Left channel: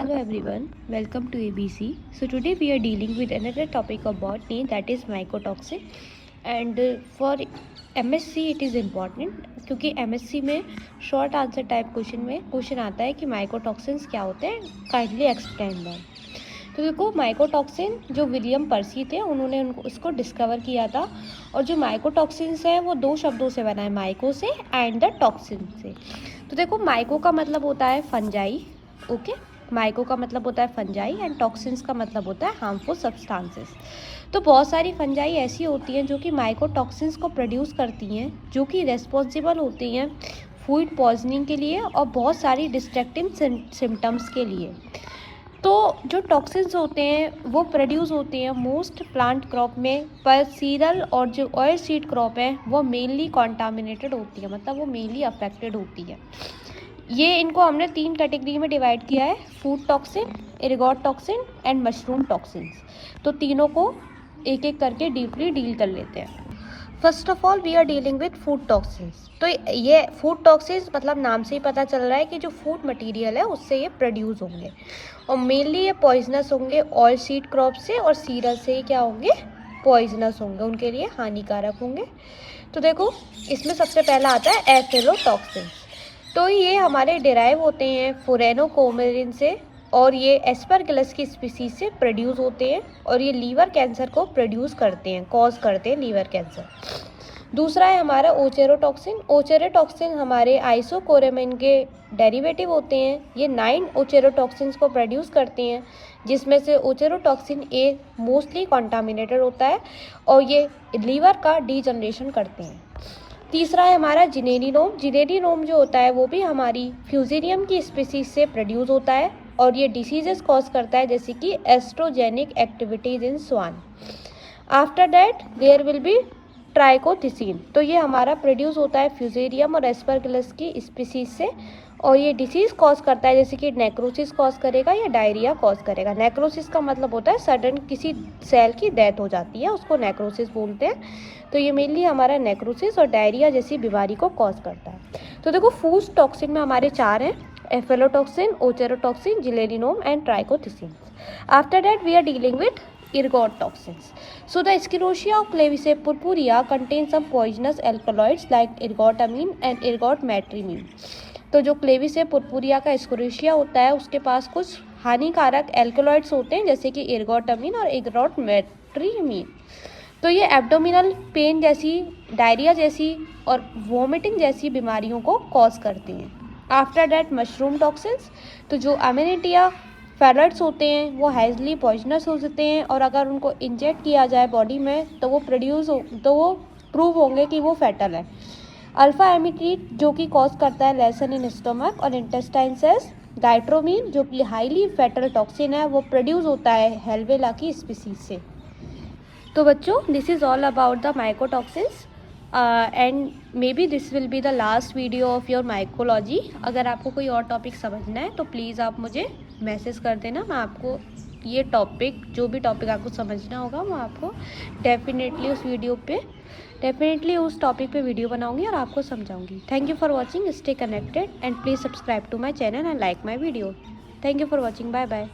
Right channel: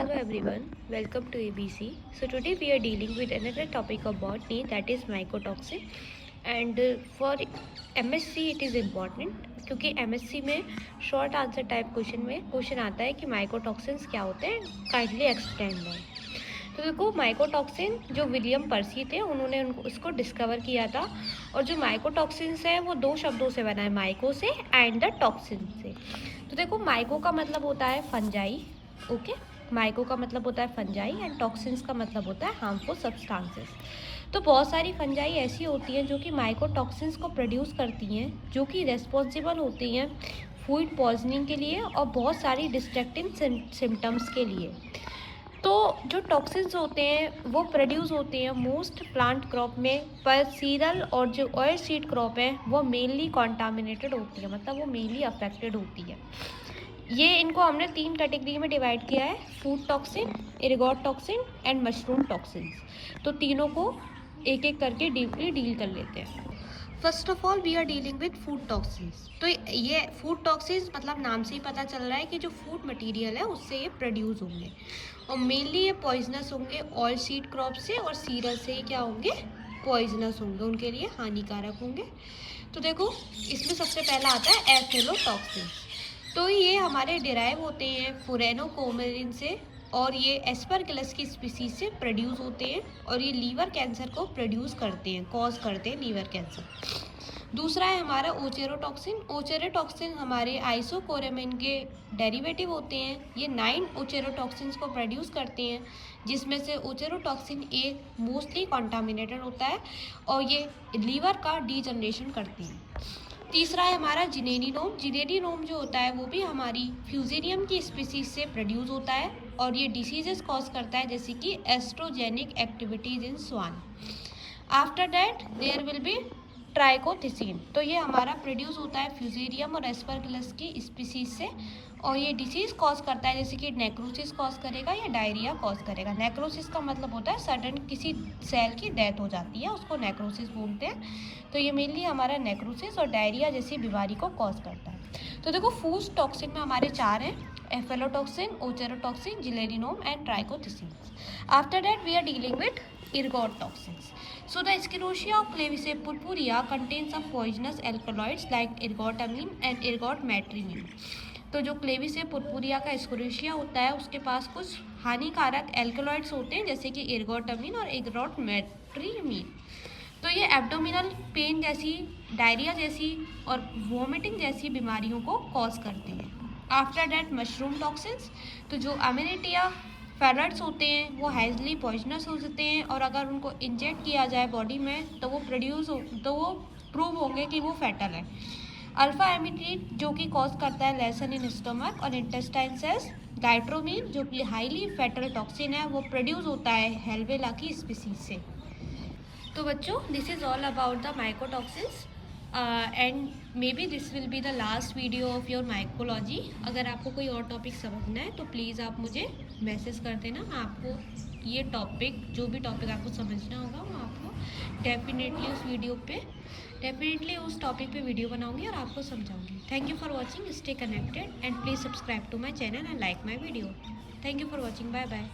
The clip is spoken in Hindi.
Hello everyone, welcome to ABC. So today we are dealing with another topic of botany, that is mycotoxin. And for MSc it is important क्योंकि MSc में शॉर्ट आंसर टाइप क्वेश्चन आता है कि माइकोटॉक्सिन्स क्या होते हैं, काइंडली एक्सप्लेन दैट। तो देखो, माइकोटॉक्सिन जो विलियम पर्सी थे उन्होंने उसको डिस्कवर किया था। और जो माइकोटॉक्सिन्स है वो दो शब्दों से बना है, माइको से एंड द टॉक्सिन से। तो देखो, माइको का मतलब होता है फंजाई, ओके। माइको का मतलब होता है फंजाई एंड टॉक्सिन्स का मतलब होता है हार्मफुल सब्सटेंसेस। तो बहुत सारी फंजाई ऐसी होती हैं जो कि माइकोटॉक्सिन्स को प्रोड्यूस करती हैं, जो कि रेस्पॉन्सिबल होती हैं फूड पॉइजनिंग के लिए और बहुत सारी डिस्ट्रक्टिंग सिम्टम्स के लिए। तो जो टॉक्सिन्स होते हैं वो प्रोड्यूस होते हैं मोस्ट प्लांट क्रॉप में, पर सीरियल और जो ऑयल सीड क्रॉप है वो मेनली कॉन्टामिनेटेड होती है, मतलब वो मेनली अफेक्टेड होती है। ये इनको हमने 3 कैटेगरी में डिवाइड किया है, food toxin, ergot toxin and mushroom toxins. तो तीनों को एक एक करके डीपली डील कर लेते हैं। First of all we are dealing with food toxins. तो ये फूड टॉक्सिन्स मतलब नाम से ही पता चल रहा है कि जो फूड मटेरियल है उससे ये प्रोड्यूस होंगे, और मेनली ये पॉइजनस होंगे ऑयल सीड क्रॉप से, और सीरियल से ये क्या होंगे, पॉइजनस होंगे, उनके लिए हानिकारक होंगे। तो देखो, इसमें सबसे पहला आता है एफिलोटॉक्सिन्स। तो ये हमारे डिराइव होते हैं फोरेनोकोमेरिन से, और ये एस्परगिलस की स्पीसीज से प्रोड्यूस होते हैं, और ये लीवर कैंसर को प्रोड्यूस करते हैं, कॉज करते हैं लीवर कैंसर। दूसरा है हमारा ओचेरोटॉक्सिन। ओचेरोटॉक्सिन हमारे आइसोकोरेमिन के डेरिवेटिव होते हैं। ये 9 ओचेरोटॉक्सिन्स को प्रोड्यूस करते हैं, जिसमें से ओचेरोटॉक्सिन ए मोस्टली कॉन्टामिनेटेड होता है, और ये लीवर का डीजनरेशन करते हैं। तीसरा है हमारा जिनेरिनोम। जिनेरिनोम जो होता है वो भी हमारी फ्यूजेरियम की स्पीसीज से प्रोड्यूस होता है, और ये डिसीजेस कॉज करता है, जैसे कि estrogenic activities in swine. After that there will be trichothecene. तो ये हमारा प्रोड्यूस होता है फ्यूजेरियम और एस्परगिलस की स्पीसीज से, और ये डिसीज़ कॉज करता है, जैसे कि नेक्रोसिस कॉज करेगा या डायरिया कॉज करेगा। नेक्रोसिस का मतलब होता है सडन किसी सेल की डेथ हो जाती है, उसको नेक्रोसिस बोलते हैं। तो ये मेनली हमारा नेक्रोसिस और डायरिया जैसी बीमारी को कॉज करता है। तो देखो, फूड टॉक्सिन में हमारे 4 हैं, aflatoxin, ochratoxin, zearalenone and trichothecene. After that we are dealing with ergot toxins. So the Escherichia clavice purpurea contains some poisonous alkaloids like ergotamine and ergotmetrimine. तो जो क्लेविस पुरपुरिया का एस्केरिशिया होता है उसके पास कुछ हानिकारक एल्कलॉइड्स होते हैं, जैसे कि एर्गोटामिन और एर्गोटमेट्रिमीन। तो ये एब्डोमिनल पेन जैसी, डायरिया जैसी और वोमिटिंग जैसी बीमारियों को कॉज करते हैं। After that mushroom toxins. तो जो अमेनिटिया फैलट्स होते हैं वो हैजली पॉइजनस हो सकते हैं, और अगर उनको इंजेक्ट किया जाए बॉडी में तो वो प्रूव होंगे कि वो फैटल है। अल्फा एमिट्रीट जो कि कॉज करता है लेसन इन स्टमक और इंटेस्टाइन सेल्स। डाइट्रोमीन जो कि हाईली फैटल टॉक्सिन है, वो प्रोड्यूस होता है हेलवेला की स्पीसीज से। तो बच्चों, this is all about the mycotoxins and may be this will be the last video of your mycology. अगर आपको कोई और टॉपिक समझना है तो प्लीज़ आप मुझे मैसेज कर देना, मैं आपको ये टॉपिक, जो भी टॉपिक आपको समझना होगा मैं आपको डेफिनेटली उस टॉपिक पे वीडियो बनाऊंगी और आपको समझाऊंगी। Thank you for watching, stay connected and please subscribe to my channel and like my video. Thank you for watching, bye bye.